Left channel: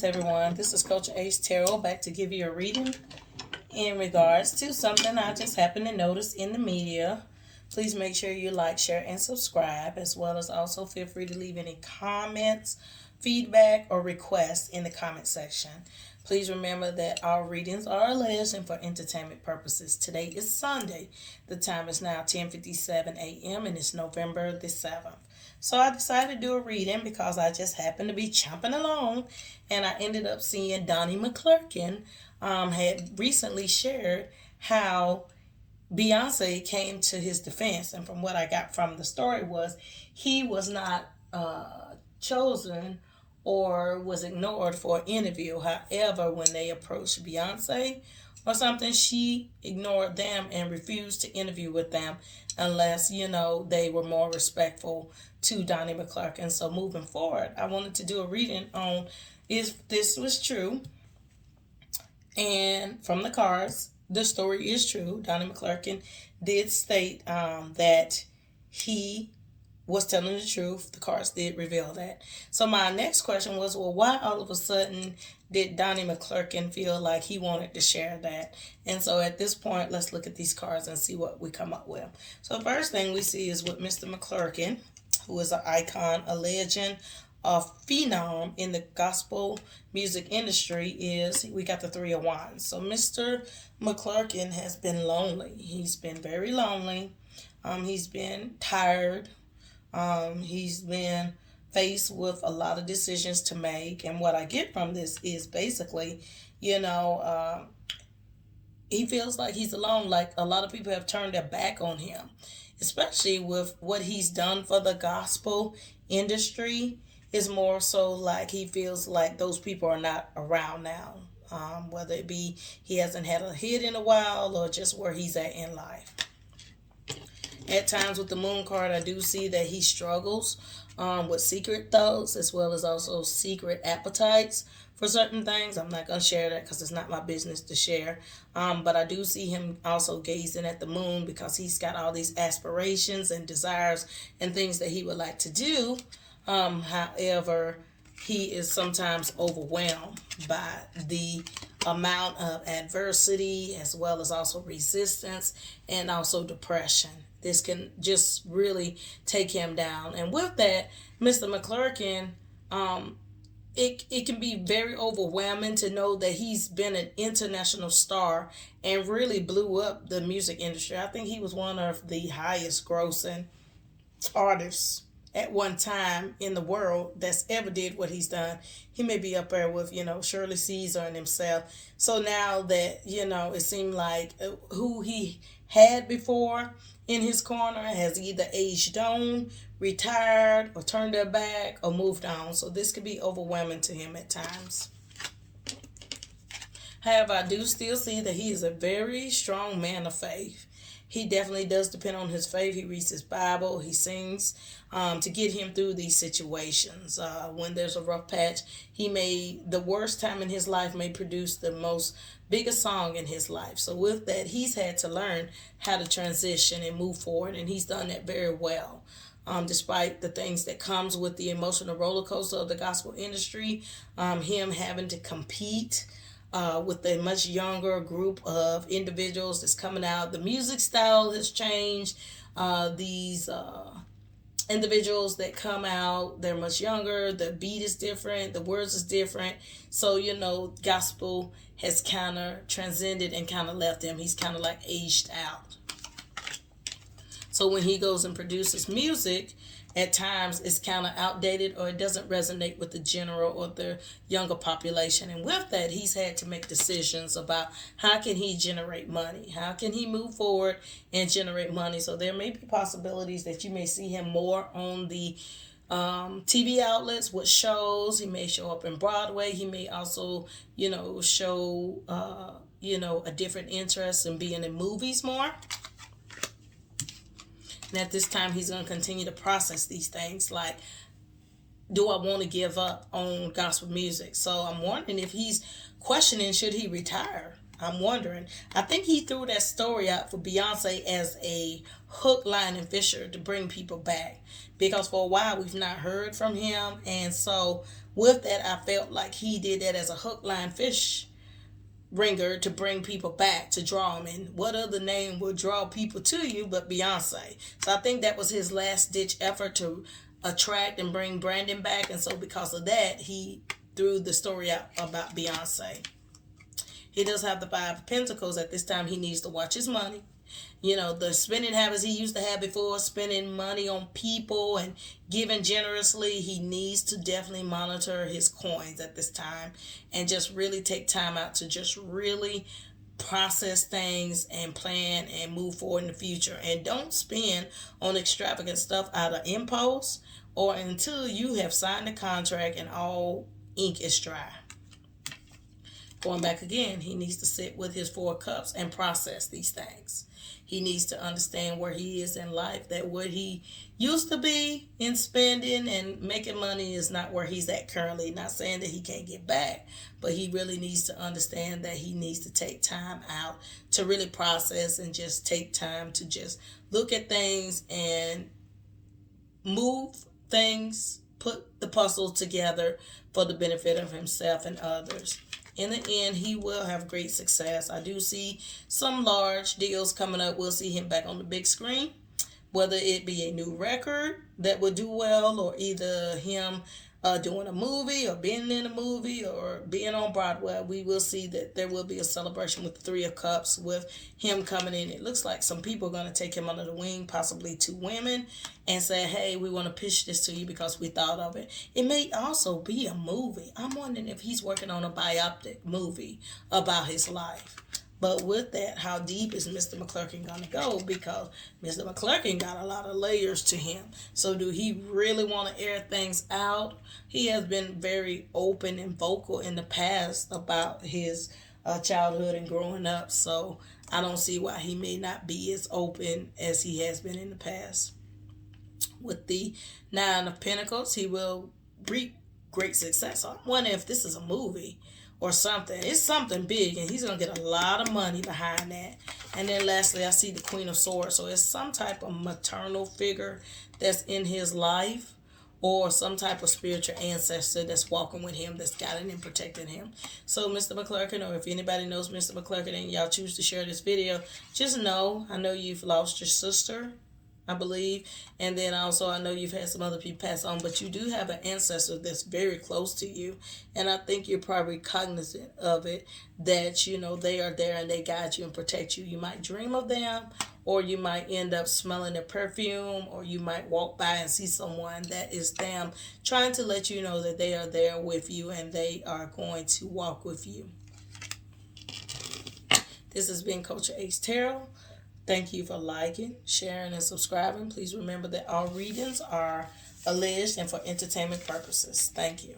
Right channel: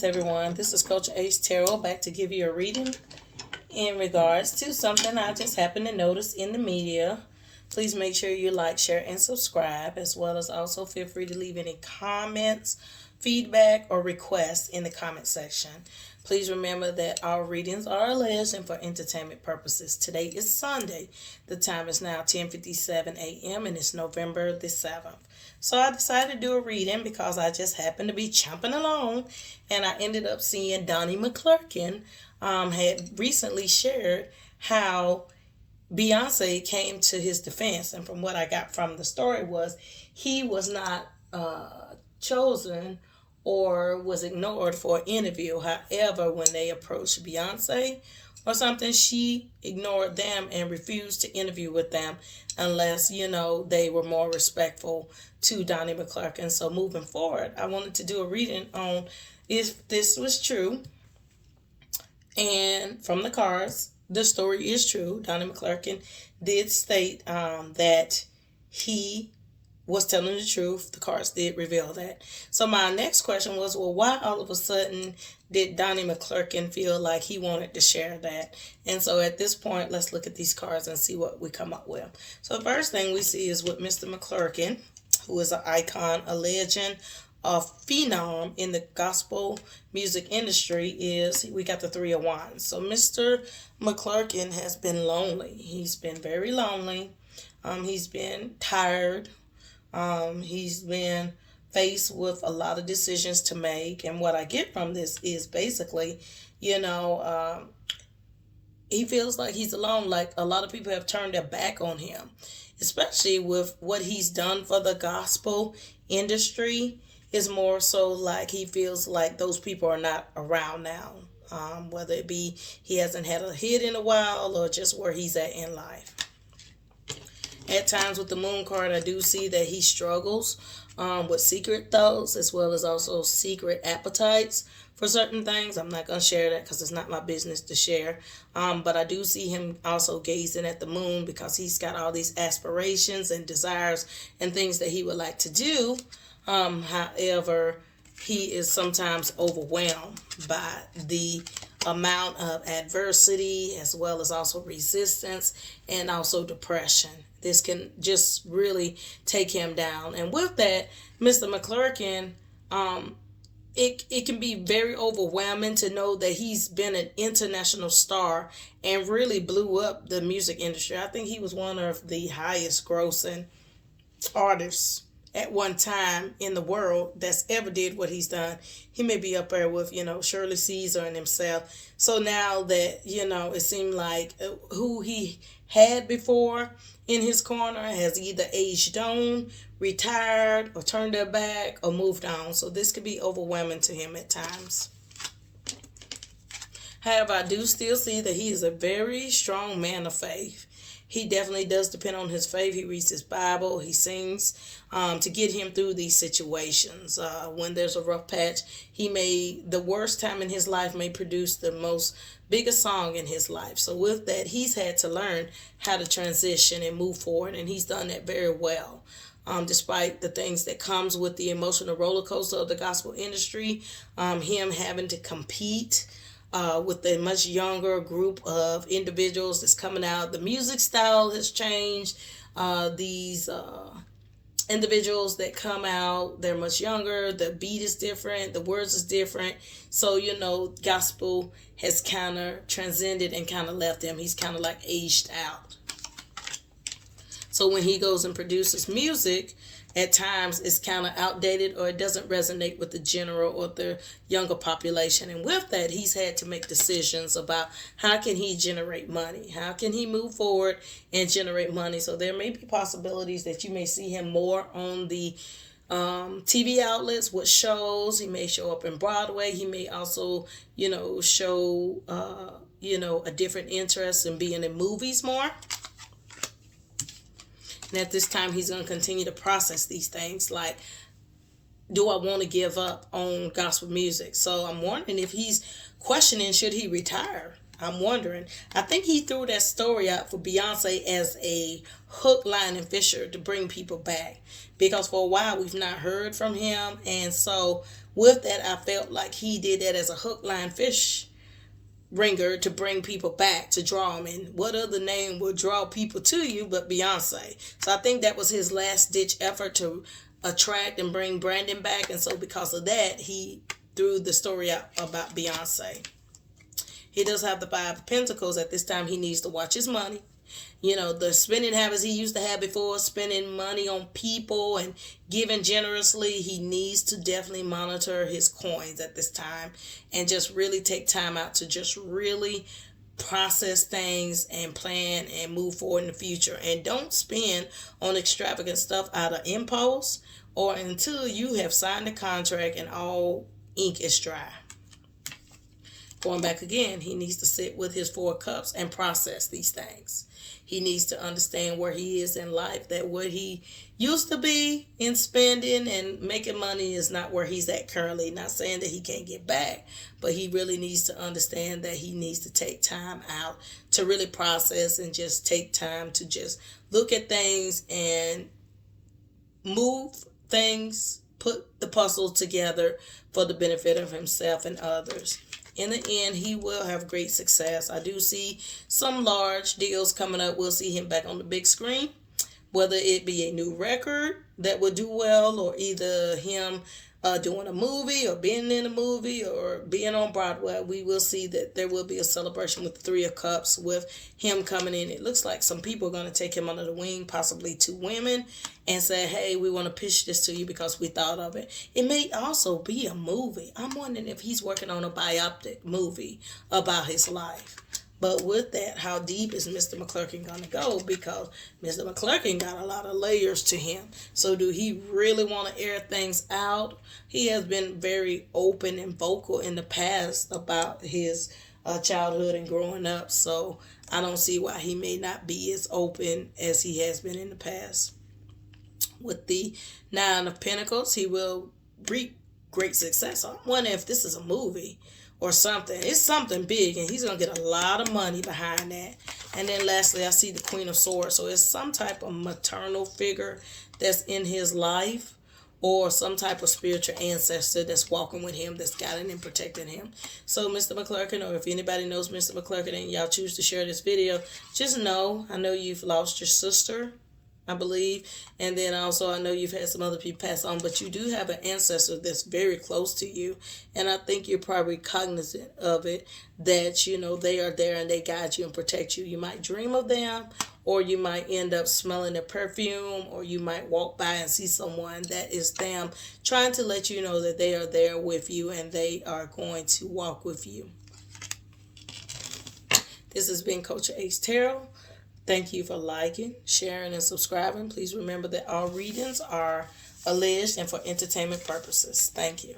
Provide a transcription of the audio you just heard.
Greetings, everyone. This is Coach Ace Tarot back to give you a reading in regards to something I just happened to notice in the media. Please make sure you like, share, and subscribe, as well as also feel free to leave any comments, feedback, or requests in the comment section. Please remember that all readings are alleged and for entertainment purposes. Today is Sunday. The time is now 10:57 a.m. and it's November the 7th. So I decided to do a reading because I just happened to be chomping along, and I ended up seeing Donnie McClurkin had recently shared how Beyonce came to his defense. And from what I got from the story was he was not chosen or was ignored for an interview. However, when they approached Beyonce or something, she ignored them and refused to interview with them unless, they were more respectful to Donnie McClurkin. So moving forward, I wanted to do a reading on if this was true. And from the cards, the story is true. Donnie McClurkin did state that he was telling the truth. The cards did reveal that. So my next question was, well, why all of a sudden did Donnie McClurkin feel like he wanted to share that? And so at this point, let's look at these cards and see what we come up with. So the first thing we see is with Mr. McClurkin, who is an icon, a legend, a phenom in the gospel music industry, is we got the Three of Wands. So Mr. McClurkin has been lonely. He's been very lonely. He's been tired. He's been faced with a lot of decisions to make. And what I get from this is basically, he feels like he's alone. Like a lot of people have turned their back on him, especially with what he's done for the gospel industry. Is more so like he feels like those people are not around now. Whether it be he hasn't had a hit in a while or just where he's at in life. At times with the moon card, I do see that he struggles with secret thoughts as well as also secret appetites for certain things. I'm not going to share that because it's not my business to share. But I do see him also gazing at the moon because he's got all these aspirations and desires and things that he would like to do. However, he is sometimes overwhelmed by the amount of adversity as well as also resistance and also depression. This can just really take him down. And with that, Mr. McClurkin, it can be very overwhelming to know that he's been an international star and really blew up the music industry. I think he was one of the highest grossing artists at one time in the world that's ever did what he's done. He may be up there with, Shirley Caesar and himself. So now that, it seemed like who he had before in his corner has either aged on, retired, or turned their back, or moved on. So this could be overwhelming to him at times. However, I do still see that he is a very strong man of faith. He definitely does depend on his faith. He reads his Bible. He sings to get him through these situations. When there's a rough patch, the worst time in his life may produce the biggest song in his life. So with that, he's had to learn how to transition and move forward, and he's done that very well. Despite the things that comes with the emotional roller coaster of the gospel industry, him having to compete with a much younger group of individuals that's coming out. The music style has changed. These individuals that come out, they're much younger. The beat is different. The words is different. So, gospel has kind of transcended and kind of left him. He's kind of like aged out. So when he goes and produces music, at times it's kind of outdated or it doesn't resonate with the general or the younger population. And with that, he's had to make decisions about how can he generate money? How can he move forward and generate money? So there may be possibilities that you may see him more on the TV outlets with shows. He may show up in Broadway. He may also, show, a different interest in being in movies more. And at this time, he's going to continue to process these things like, do I want to give up on gospel music? So I'm wondering if he's questioning, should he retire? I'm wondering. I think he threw that story out for Beyonce as a hook, line, and fisher to bring people back. Because for a while, we've not heard from him. And so with that, I felt like he did that as a hook, line, fish ringer to bring people back, to draw them. And what other name will draw people to you but Beyonce? So I think that was his last ditch effort to attract and bring Brandon back. And so because of that, he threw the story out about Beyonce. He does have the Five of Pentacles. At this time, he needs to watch his money. You know, the spending habits he used to have before, spending money on people and giving generously, he needs to definitely monitor his coins at this time and just really take time out to just really process things and plan and move forward in the future. And don't spend on extravagant stuff out of impulse or until you have signed a contract and all ink is dry. Going back again, he needs to sit with his Four of Cups and process these things. He needs to understand where he is in life, that what he used to be in spending and making money is not where he's at currently. Not saying that he can't get back, but he really needs to understand that he needs to take time out to really process and just take time to just look at things and move things, put the puzzle together for the benefit of himself and others. In the end, he will have great success. I do see some large deals coming up. We'll see him back on the big screen, whether it be a new record that will do well, or either him doing a movie or being in a movie or being on Broadway. We will see that there will be a celebration with the Three of Cups with him coming in. It looks like some people are going to take him under the wing, possibly 2 women, and say, hey, we want to pitch this to you because we thought of it. It may also be a movie. I'm wondering if he's working on a biopic movie about his life. But with that, how deep is Mr. McClurkin going to go? Because Mr. McClurkin got a lot of layers to him. So do he really want to air things out? He has been very open and vocal in the past about his childhood and growing up. So I don't see why he may not be as open as he has been in the past. With the Nine of Pentacles, he will reap great success. So I'm wondering if this is a movie or something. It's something big, and he's going to get a lot of money behind that. And then lastly, I see the Queen of Swords. So it's some type of maternal figure that's in his life, or some type of spiritual ancestor that's walking with him, that's guiding and protecting him. So Mr. McClurkin, or if anybody knows Mr. McClurkin and y'all choose to share this video, just know, I know you've lost your sister, I believe. And then also I know you've had some other people pass on, but you do have an ancestor that's very close to you. And I think you're probably cognizant of it, that, you know, they are there and they guide you and protect you. You might dream of them, or you might end up smelling their perfume, or you might walk by and see someone that is them trying to let you know that they are there with you and they are going to walk with you. This has been Culture Ace Tarot. Thank you for liking, sharing, and subscribing. Please remember that all readings are alleged and for entertainment purposes. Thank you.